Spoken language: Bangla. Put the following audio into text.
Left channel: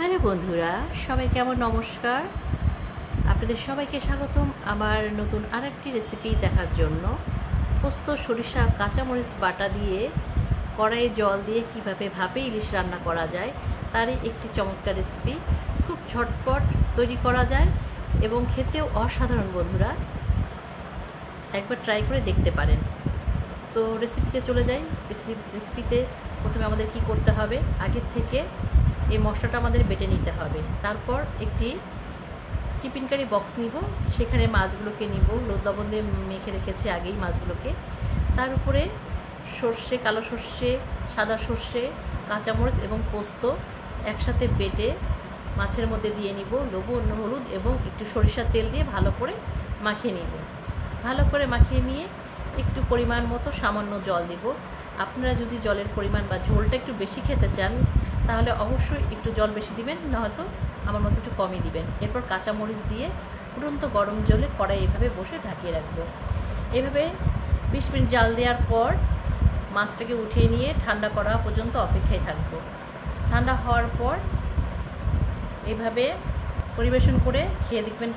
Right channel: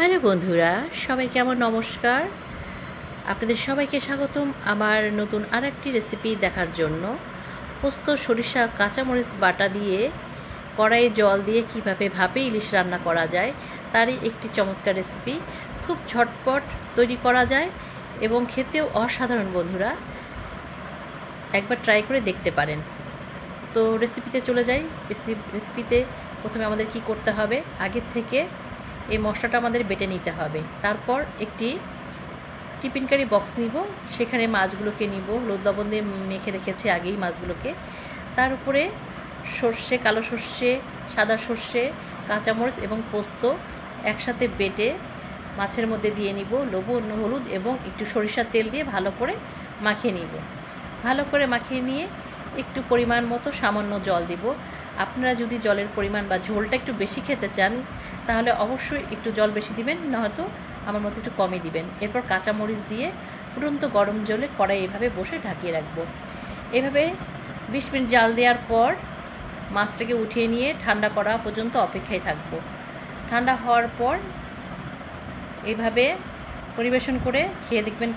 হ্যালো বন্ধুরা, সবাইকে আমার নমস্কার। আপনাদের সবাইকে স্বাগতম আমার নতুন আরেকটি রেসিপি দেখার জন্য। পোস্ত, সরিষা, কাঁচামরিচ বাটা দিয়ে কড়াইয়ে জল দিয়ে কিভাবে ভাপে ইলিশ রান্না করা যায় তারই একটি চমৎকার রেসিপি। খুব ঝটপট তৈরি করা যায় এবং খেতেও অসাধারণ। বন্ধুরা, একবার ট্রাই করে দেখতে পারেন। তো রেসিপিতে চলে যাই। রেসিপিতে প্রথমে আমাদের কি করতে হবে, আগের থেকে এই মশলাটা আমাদের বেটে নিতে হবে। তারপর একটি টিফিন কারি বক্স নিব, সেখানে মাছগুলোকে নিব, হলুদ লবণ দিয়ে মেখে রেখেছি আগেই মাছগুলোকে। তার উপরে সর্ষে, কালো সর্ষে, সাদা সর্ষে, কাঁচামরিচ এবং পোস্ত একসাথে বেটে মাছের মধ্যে দিয়ে নিব। লবণ, হলুদ এবং একটু সরিষার তেল দিয়ে ভালো করে মাখিয়ে নিব। ভালো করে মাখিয়ে নিয়ে একটু পরিমাণ মতো সামান্য জল দিব। আপনারা যদি জলের পরিমাণ বা ঝোলটা একটু বেশি খেতে চান তাহলে অবশ্যই একটু জল বেশি দিবেন, নয়তো আমার মতো একটু কমই দিবেন। এরপর কাঁচামরিচ দিয়ে ফুটন্ত গরম জলে কড়াই এভাবে বসে ঢাকিয়ে রাখবো। এভাবে 20 মিনিট জাল দেওয়ার পর মাছটাকে উঠিয়ে নিয়ে ঠান্ডা করা পর্যন্ত অপেক্ষায় থাকবো। ঠান্ডা হওয়ার পর এভাবে পরিবেশন করে খেয়ে দেখবেন।